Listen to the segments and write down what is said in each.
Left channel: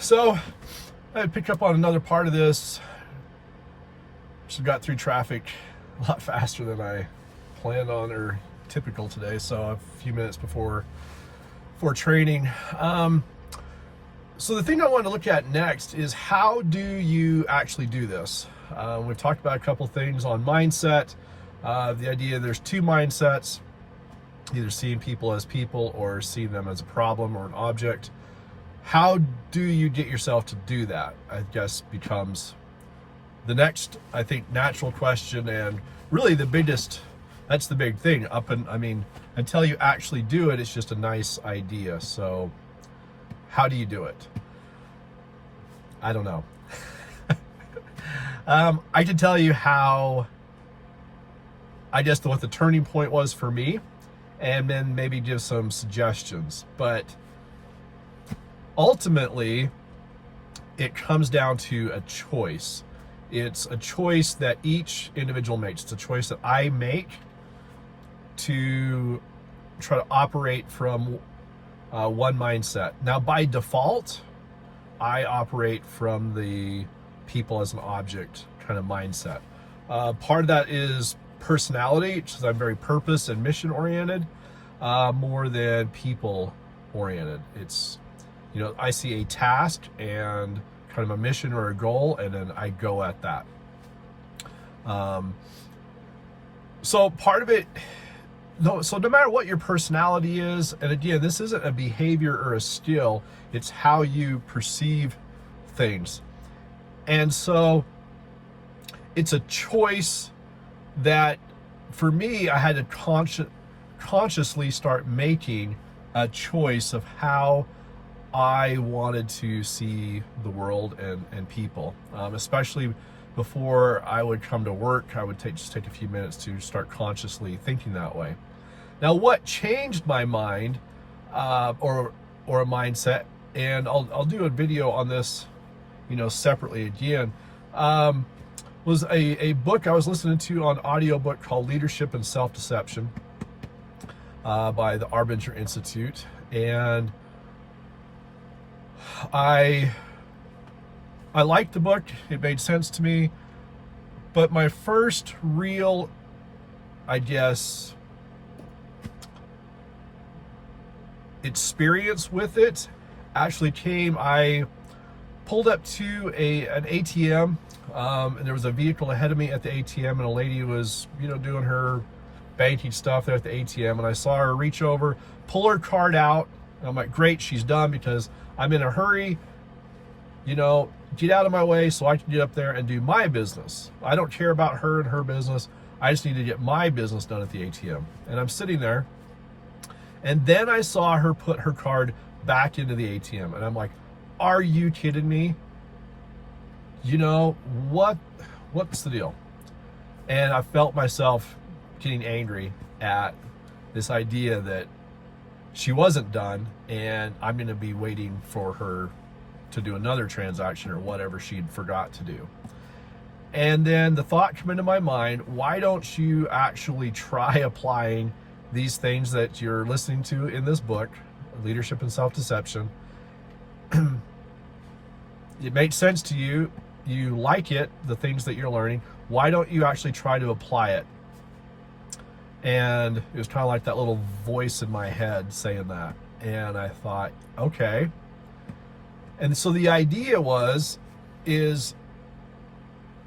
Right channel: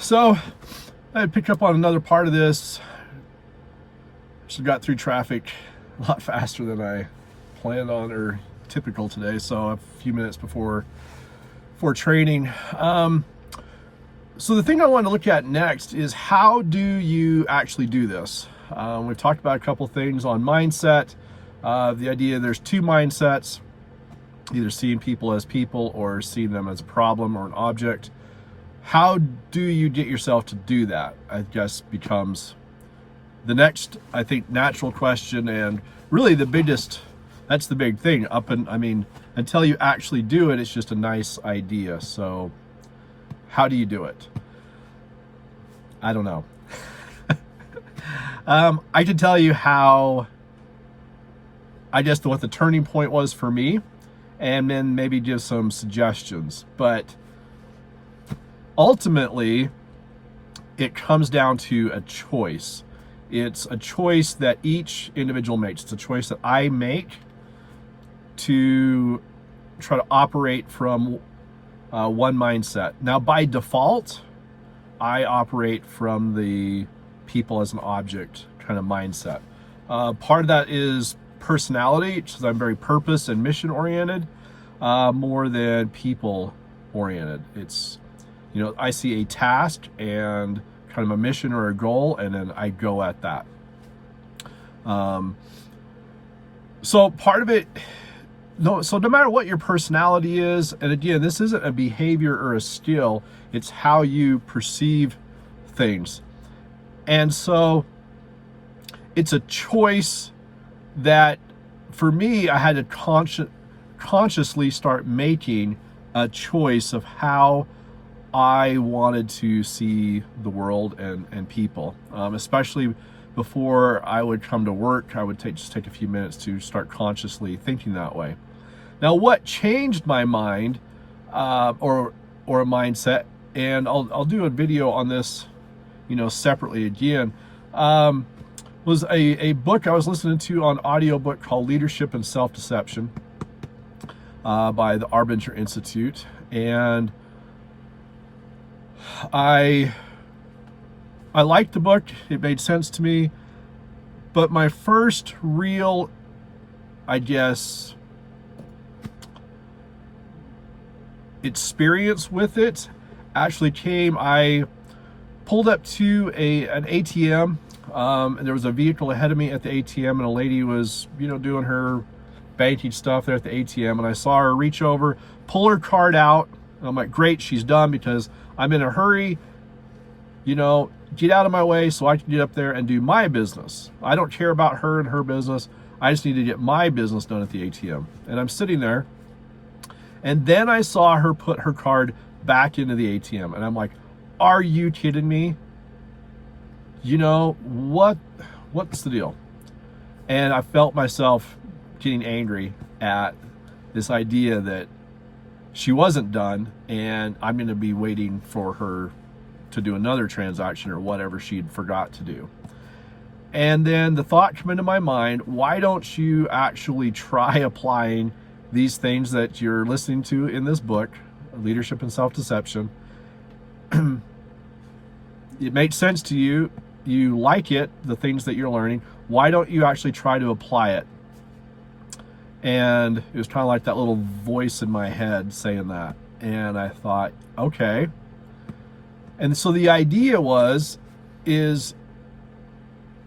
So I picked up on another part of this. Just got through traffic a lot faster than I planned on or typical today. So a few minutes before training. So the thing I want to look at next is how do you actually do this? We've talked about a couple things on mindset. The idea there's two mindsets, either seeing people as people or seeing them as a problem or an object. How do you get yourself to do that? I guess becomes the next, I think, natural question, and really that's the big thing. Until you actually do it, it's just a nice idea. So how do you do it? I don't know. I can tell you how, I guess, what the turning point was for me, and then maybe give some suggestions. But ultimately, it comes down to a choice. It's a choice that each individual makes. It's a choice that I make to try to operate from one mindset. Now, by default, I operate from the people as an object kind of mindset. Part of that is personality, because I'm very purpose and mission oriented, more than people oriented. It's, I see a task and kind of a mission or a goal, and then I go at that. So part of it, no matter what your personality is, and again, this isn't a behavior or a skill, it's how you perceive things. And so it's a choice that, for me, I had to consciously start making a choice of how I wanted to see the world and people. Especially before I would come to work, I would just take a few minutes to start consciously thinking that way. Now, what changed my mind or a mindset, and I'll do a video on this, separately again, was a book I was listening to on audiobook called Leadership and Self-Deception by the Arbinger Institute. And I liked the book. It made sense to me. But my first real, I guess, experience with it actually came, I pulled up to an ATM, and there was a vehicle ahead of me at the ATM, and a lady was, doing her banking stuff there at the ATM, and I saw her reach over, pull her card out, and I'm like, great, she's done, because I'm in a hurry, get out of my way so I can get up there and do my business. I don't care about her and her business. I just need to get my business done at the ATM. And I'm sitting there, and then I saw her put her card back into the ATM, and I'm like, are you kidding me? What's the deal? And I felt myself getting angry at this idea that she wasn't done, and I'm going to be waiting for her to do another transaction or whatever she'd forgot to do. And then the thought came into my mind, why don't you actually try applying these things that you're listening to in this book, Leadership and Self-Deception? It makes sense to you. You like it, the things that you're learning. Why don't you actually try to apply it? And it was kind of like that little voice in my head saying that. And I thought, okay. And so the idea is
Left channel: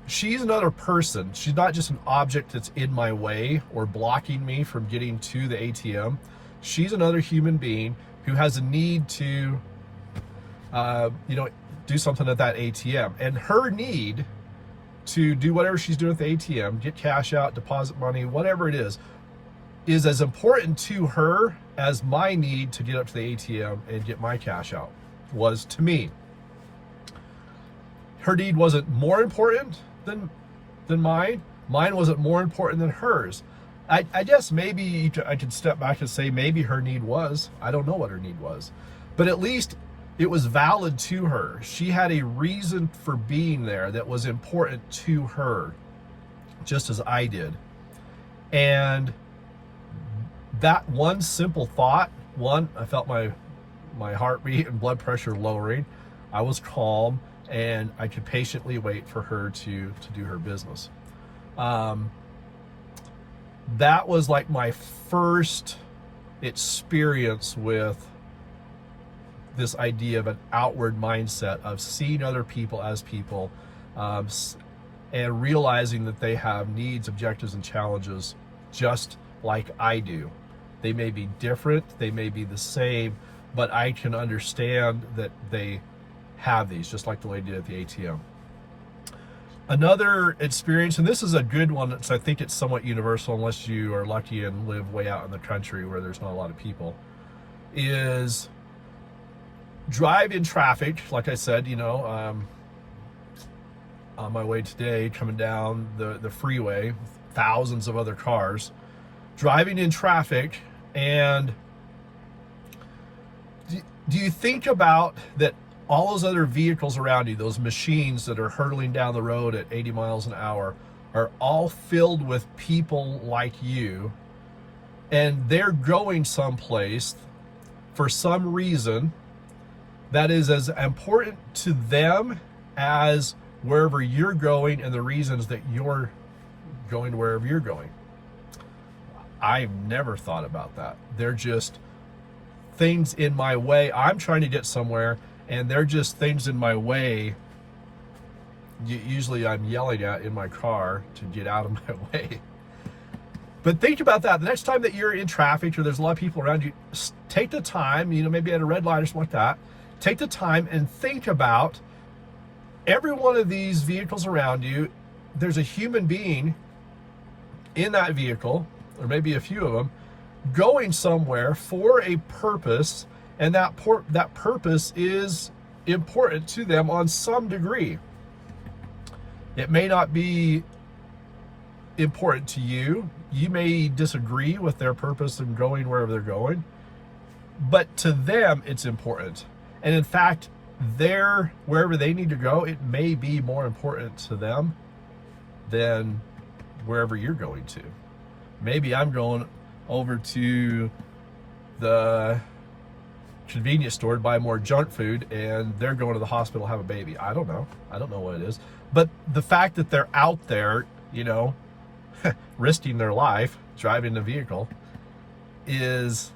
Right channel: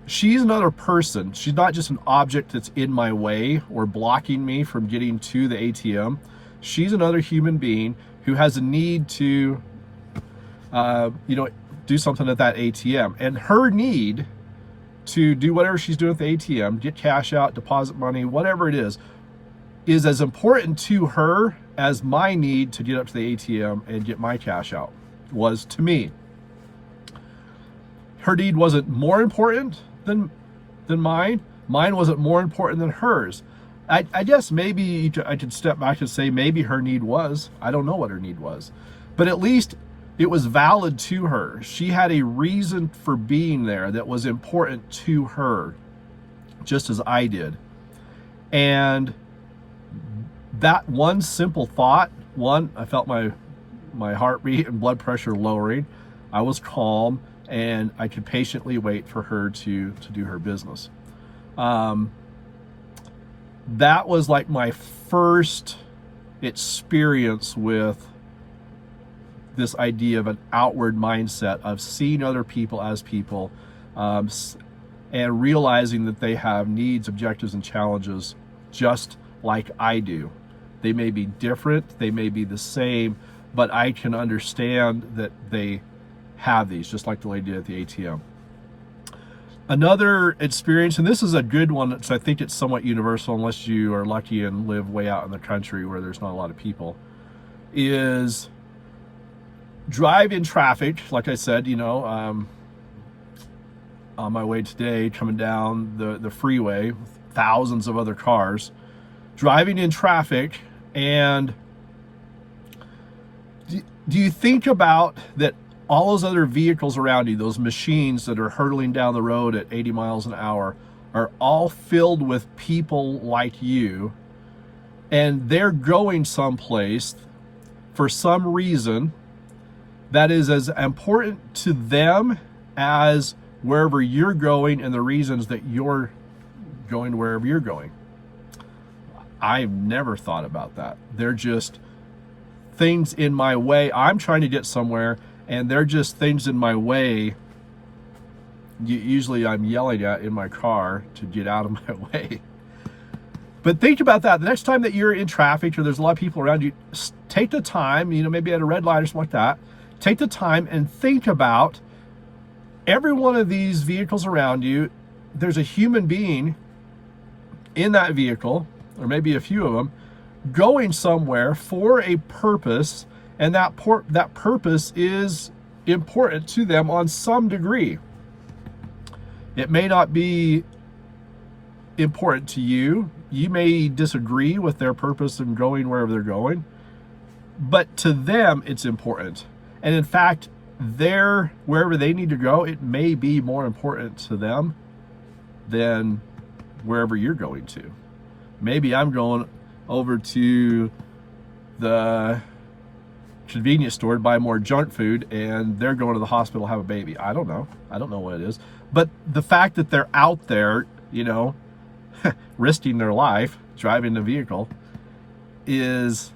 she's another person. She's not just an object that's in my way or blocking me from getting to the ATM. She's another human being who has a need to, do something at that ATM. And her need to do whatever she's doing at the ATM, get cash out, deposit money, whatever it is as important to her as my need to get up to the ATM and get my cash out was to me. Her need wasn't more important than mine. Mine wasn't more important than hers. I guess maybe I could step back and say maybe her need was. I don't know what her need was. But at least it was valid to her. She had a reason for being there that was important to her, just as I did. And that one simple thought, I felt my heartbeat and blood pressure lowering. I was calm, and I could patiently wait for her to do her business. That was like my first experience with this idea of an outward mindset of seeing other people as people, and realizing that they have needs, objectives, and challenges just like I do. They may be different, they may be the same, but I can understand that they have these, just like the lady did at the ATM. Another experience, and this is a good one, so I think it's somewhat universal unless you are lucky and live way out in the country where there's not a lot of people, is drive in traffic. Like I said, on my way today, coming down the freeway, thousands of other cars, driving in traffic, and do you think about that all those other vehicles around you, those machines that are hurtling down the road at 80 miles an hour, are all filled with people like you, and they're going someplace for some reason that is as important to them as wherever you're going and the reasons that you're going wherever you're going. I never thought about that. They're just things in my way. I'm trying to get somewhere, and they're just things in my way. Usually I'm yelling at in my car to get out of my way. But think about that. The next time that you're in traffic or there's a lot of people around you, take the time, maybe at a red light or something like that, take the time and think about every one of these vehicles around you. There's a human being in that vehicle, or maybe a few of them, going somewhere for a purpose, and that purpose is important to them on some degree. It may not be important to you. You may disagree with their purpose in going wherever they're going, but to them it's important. And in fact, wherever they need to go, it may be more important to them than wherever you're going to. Maybe I'm going over to the convenience store to buy more junk food, and they're going to the hospital to have a baby. I don't know what it is. But the fact that they're out there, risking their life, driving the vehicle, is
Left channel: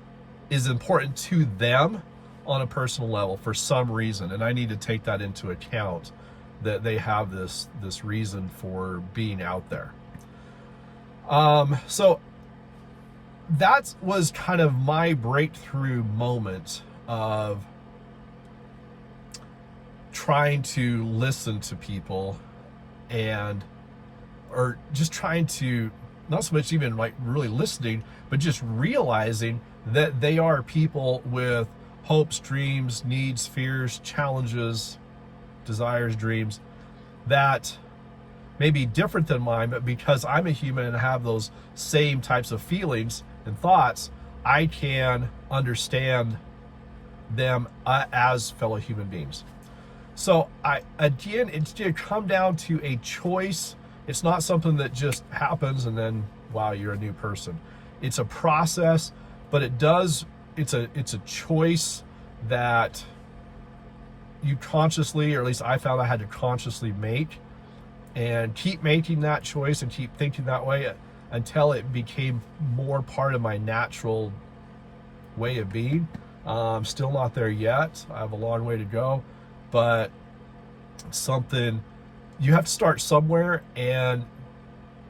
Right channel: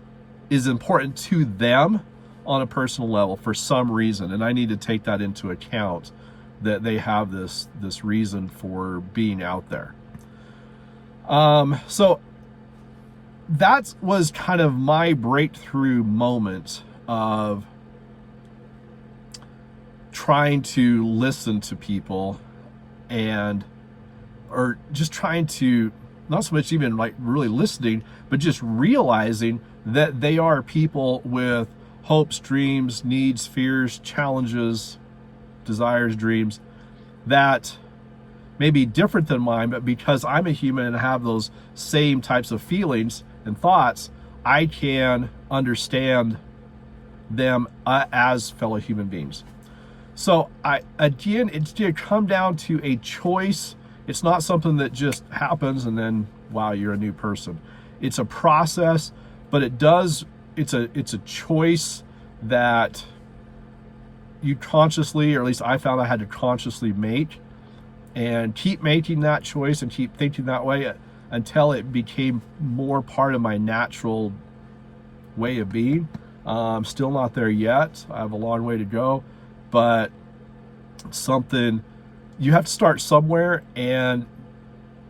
important to them on a personal level for some reason. And I need to take that into account, that they have this reason for being out there. So that was kind of my breakthrough moment of trying to listen to people, or just trying to, not so much even like really listening, but just realizing that they are people with hopes, dreams, needs, fears, challenges, desires, dreams that may be different than mine, but because I'm a human and have those same types of feelings and thoughts, I can understand them as fellow human beings. So it's going to come down to a choice. It's not something that just happens and then, wow, you're a new person. It's a process, but it's a choice that you consciously, or at least I found I had to consciously make, and keep making that choice and keep thinking that way until it became more part of my natural way of being. I'm still not there yet. I have a long way to go, but something, you have to start somewhere, and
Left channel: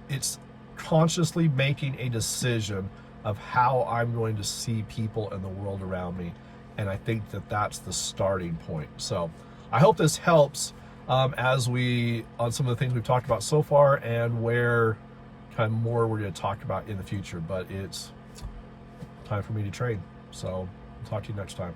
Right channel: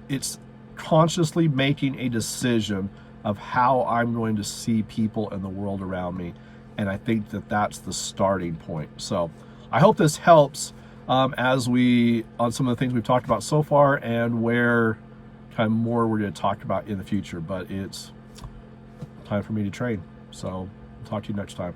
it's consciously making a decision of how I'm going to see people and the world around me. And I think that that's the starting point. So I hope this helps as on some of the things we've talked about so far, and where kind of more we're going to talk about in the future. But it's time for me to train. So talk to you next time.